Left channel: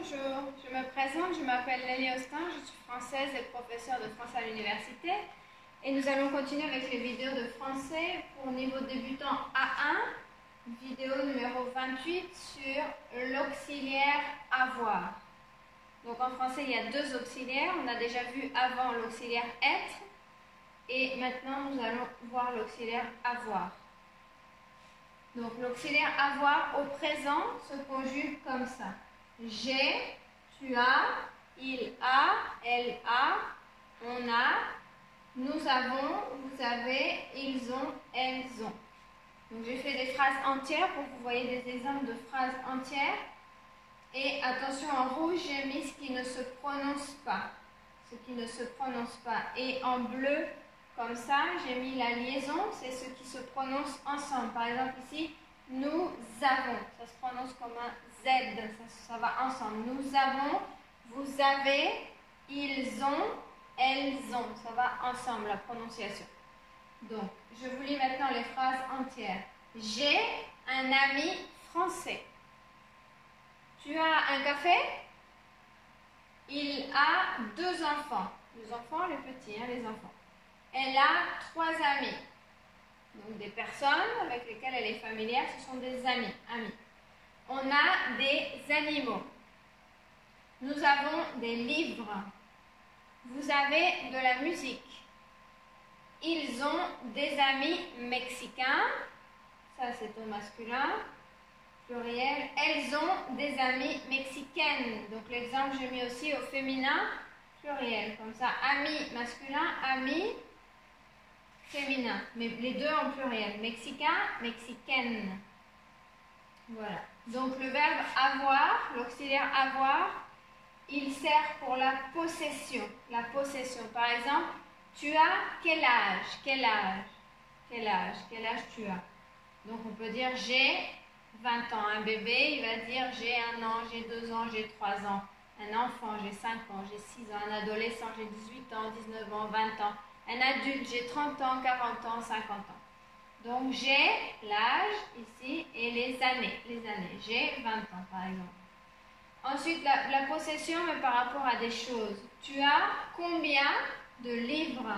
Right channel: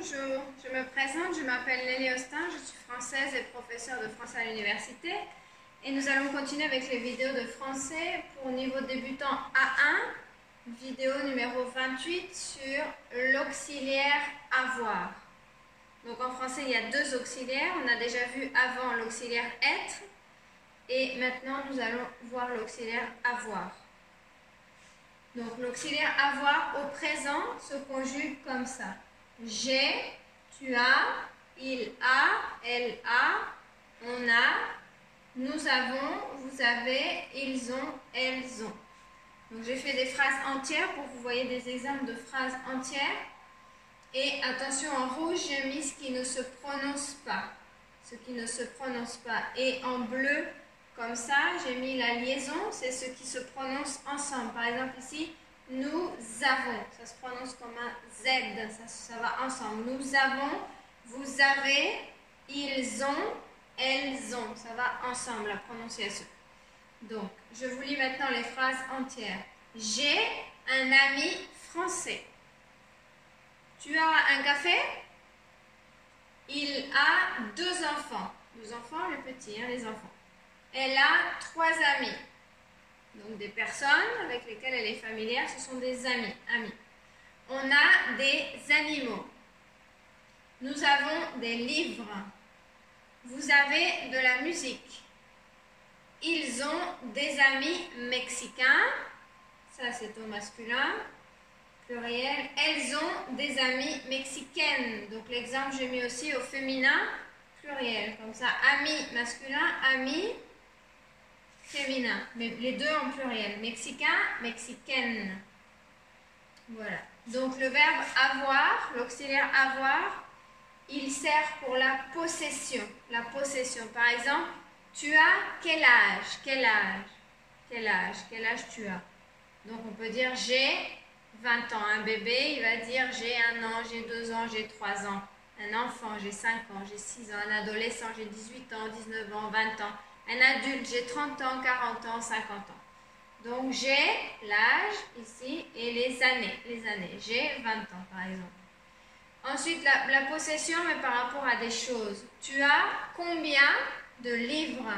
Bonjour, je me présente, je m'appelle Lélie Austin, je suis française et professeure de français à l'université. Et nous allons continuer avec les vidéos de français pour niveau débutant A1, vidéo numéro 28 sur l'auxiliaire avoir. Donc en français, il y a deux auxiliaires. On a déjà vu avant l'auxiliaire être et maintenant nous allons voir l'auxiliaire avoir. Donc l'auxiliaire avoir au présent se conjugue comme ça. J'ai, tu as, il a, elle a, on a, nous avons, vous avez, ils ont, elles ont. Donc j'ai fait des phrases entières pour que vous voyez des exemples de phrases entières. Et attention, en rouge, j'ai mis ce qui ne se prononce pas. Ce qui ne se prononce pas. Et en bleu, comme ça, j'ai mis la liaison, c'est ce qui se prononce ensemble. Par exemple ici, nous avons. Ça se prononce comme un Z, ça va ensemble. Nous avons, vous avez, ils ont, elles ont. Ça va ensemble, la prononciation. Donc, je vous lis maintenant les phrases entières. J'ai un ami français. Tu as un café? Il a deux enfants. Les enfants, les petits, les enfants. Elle a trois amis. Donc des personnes avec lesquelles elle est familière, ce sont des amis. On a des animaux. Nous avons des livres. Vous avez de la musique. Ils ont des amis mexicains. Ça, c'est au masculin. Pluriel. Elles ont des amies mexicaines. Donc l'exemple, j'ai mis aussi au féminin. Pluriel. Comme ça, amis masculin, amis féminin. Mais les deux en pluriel. Mexicain, mexicaine. Voilà. Donc le verbe avoir, l'auxiliaire avoir, il sert pour la possession. La possession. Par exemple, tu as quel âge? Quel âge? Quel âge? Quel âge tu as? Donc on peut dire j'ai 20 ans. Un bébé, il va dire j'ai 1 an, j'ai 2 ans, j'ai 3 ans. Un enfant, j'ai 5 ans, j'ai 6 ans. Un adolescent, j'ai 18 ans, 19 ans, 20 ans. Un adulte, j'ai 30 ans, 40 ans, 50 ans. Donc j'ai l'âge ici et les années. J'ai 20 ans par exemple. Ensuite, la possession, mais par rapport à des choses. Tu as combien de livres?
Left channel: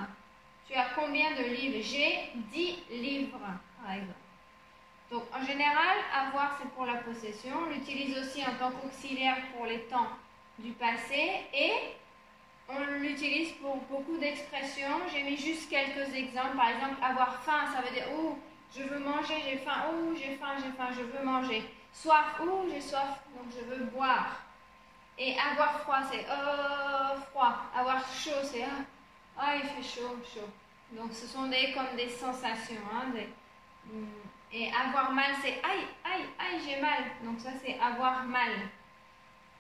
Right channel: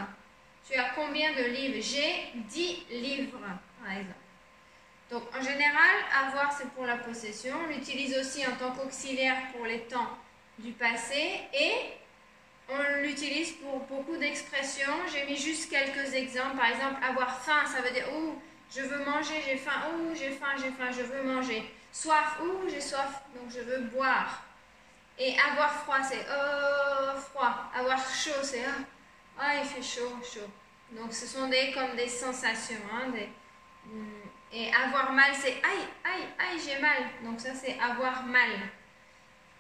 Tu as combien de livres? J'ai 10 livres par exemple. Donc en général, avoir c'est pour la possession. On l'utilise aussi en tant qu'auxiliaire pour les temps du passé et on l'utilise pour beaucoup d'expressions. J'ai mis juste quelques exemples. Par exemple, avoir faim, ça veut dire « Ouh, je veux manger, j'ai faim. Ouh, j'ai faim, je veux manger. » Soif, « Ouh, j'ai soif, donc je veux boire. » Et avoir froid, c'est « froid. » Avoir chaud, c'est « Ah, il fait chaud, chaud. » Donc ce sont comme des sensations. Et avoir mal, c'est « Aïe, aïe, aïe, j'ai mal. » Donc ça, c'est avoir mal.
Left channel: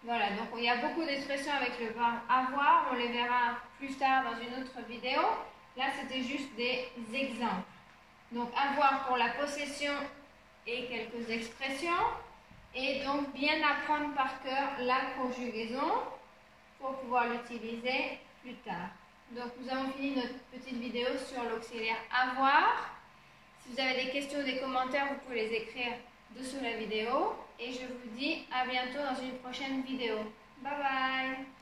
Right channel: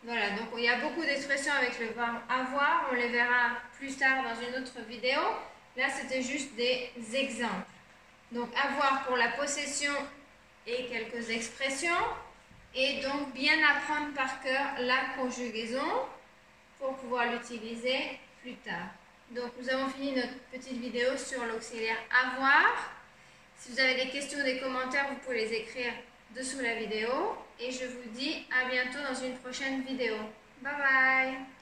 Voilà, donc il y a beaucoup d'expressions avec le verbe avoir, on les verra plus tard dans une autre vidéo. Là, c'était juste des exemples. Donc, avoir pour la possession et quelques expressions. Et donc, bien apprendre par cœur la conjugaison pour pouvoir l'utiliser plus tard. Donc, nous avons fini notre petite vidéo sur l'auxiliaire avoir. Si vous avez des questions, des commentaires, vous pouvez les écrire dessous la vidéo et je vous dis à bientôt dans une prochaine vidéo. Bye bye!